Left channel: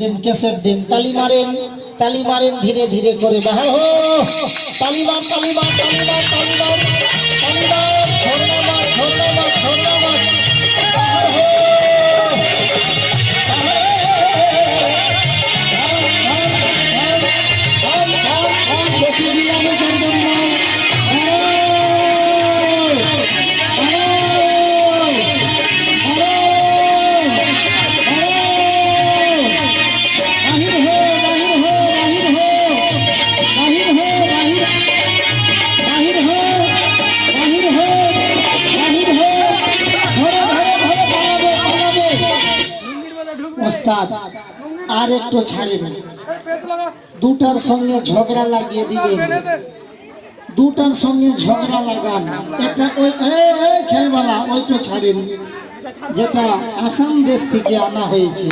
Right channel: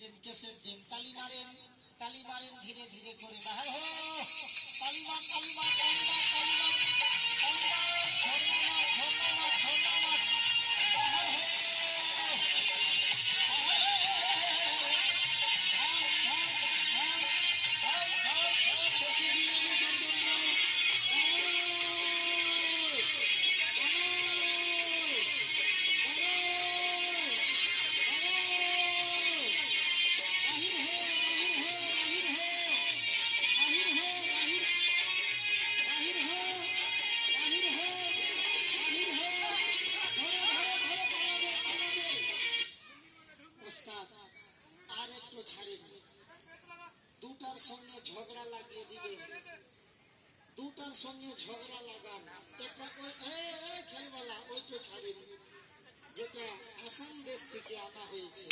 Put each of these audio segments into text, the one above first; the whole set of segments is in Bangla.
दिन कैसेट दिन ताली मारें धीरे धीरे करे बाहर हो ताली मार छोड़ना मत बाहर हो बेसी गिलाने करबेन ना ওস্তাদ আর একটু ছাড়েন দুটার সঙ্গে ঝগড়া লাগিয়ে দিবেন দুটার সঙ্গে ঝগড়া লাগান এটা ওই খেলবালা ওইটা ছাড়েন যেটা আসাম দেশ থেকে আনা হয়েছে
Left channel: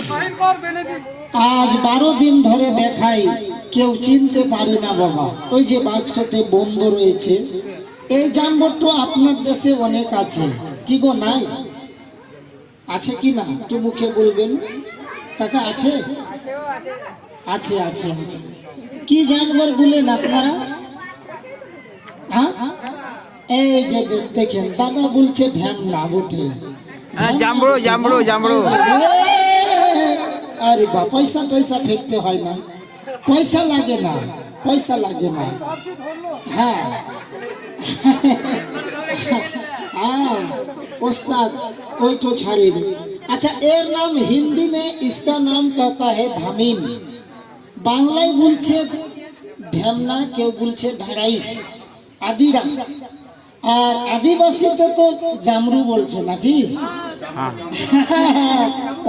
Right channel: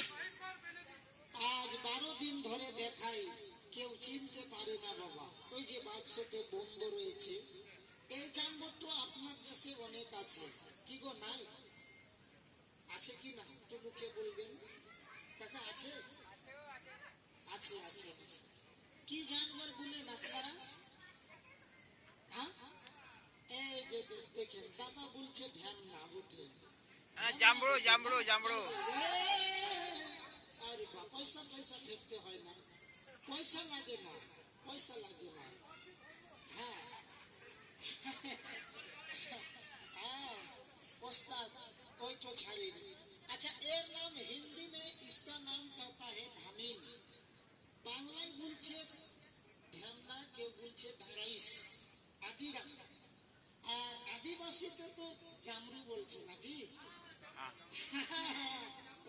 আজ 12 দিন ধরে দেখাই কেউ চিনতে পারে না বাবা ওই যে বাক্সতে বন্ধ রয়েছে এই যানবাহনটা আপনার দেশে অনেক আছে কি গো নাই আছে কি না একটু মুখে বলবেন কাকা আছে আছে আছে আছে কি জানবার বলেন আপনারা হ্যাঁ এই যে দেখেন দাদা বলছে ঢ্যামনা বটে জামড়ো আরে বা পয়সা ফেলতে হয় না পয়সা লাগে না হ্যাঁ उस्ताद कोई तो छाड़े अच्छा एर नाम हिंदी में इसका नाम कहता है धामीन बांग्लाয় বলছে ঢ্যামনা কেউ বলছে ঢারাইস আদিরা আর আদিবাসীতে তো জামরু বলছে নাকি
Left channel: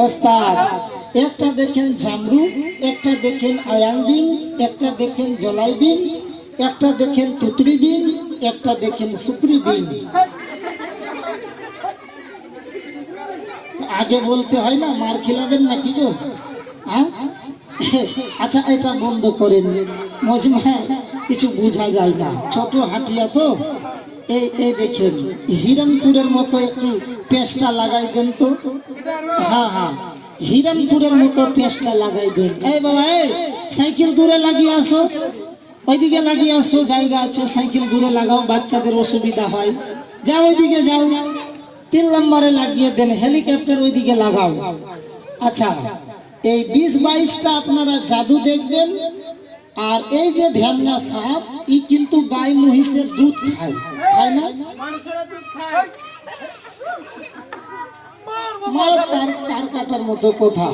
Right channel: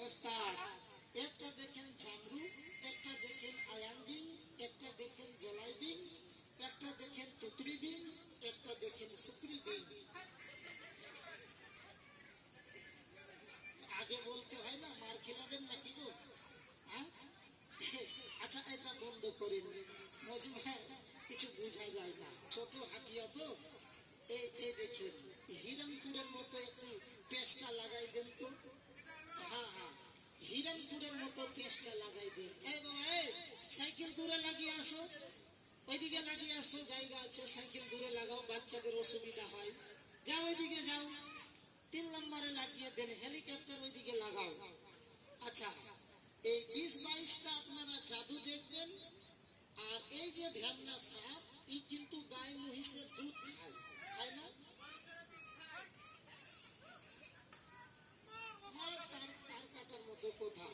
ওস্তাদ একটা দেখেন জামরু একটা দেখেন আয়াংবিন একটা দেখেন জলাইবিন একটা দেখেন তুতরিবিন একটা দেখেন সুপ্রিবিন আগে বলতে হয় না মার খিলাবেন না কি গো আচ্ছা এটা বন্ধ করেন মজমা কিছু বোঝা যায় না ছোট হাটিয়া তো এই দেখেন হিরণপুরের মতো একটু পেস্টটা লাগাই দেন তো হ্যাঁ হিরণপুরের মতো পেস্টটা লাগাই দেন এই বাবা এই সাইকেল দূরে লাগিয়ে আসো ওইদিকে লাগিয়ে আসো জায়গা আছে সাইকেল দূরে লাগাও বাচ্চাদের অসুবিধা হয় যাও ওইদিকে যাও 3 নম্বরে লাগিয়ে দেন হেলিকপ্টার ওইদিকে লাগাও আচ্ছা এই 20-22টা আপনারা জাদু দেখবেন আর এই যে ঢ্যামনা সাপ ই কিন্তু গাই মহিষের দুধ খায় না মার তার কাটার মতো কথা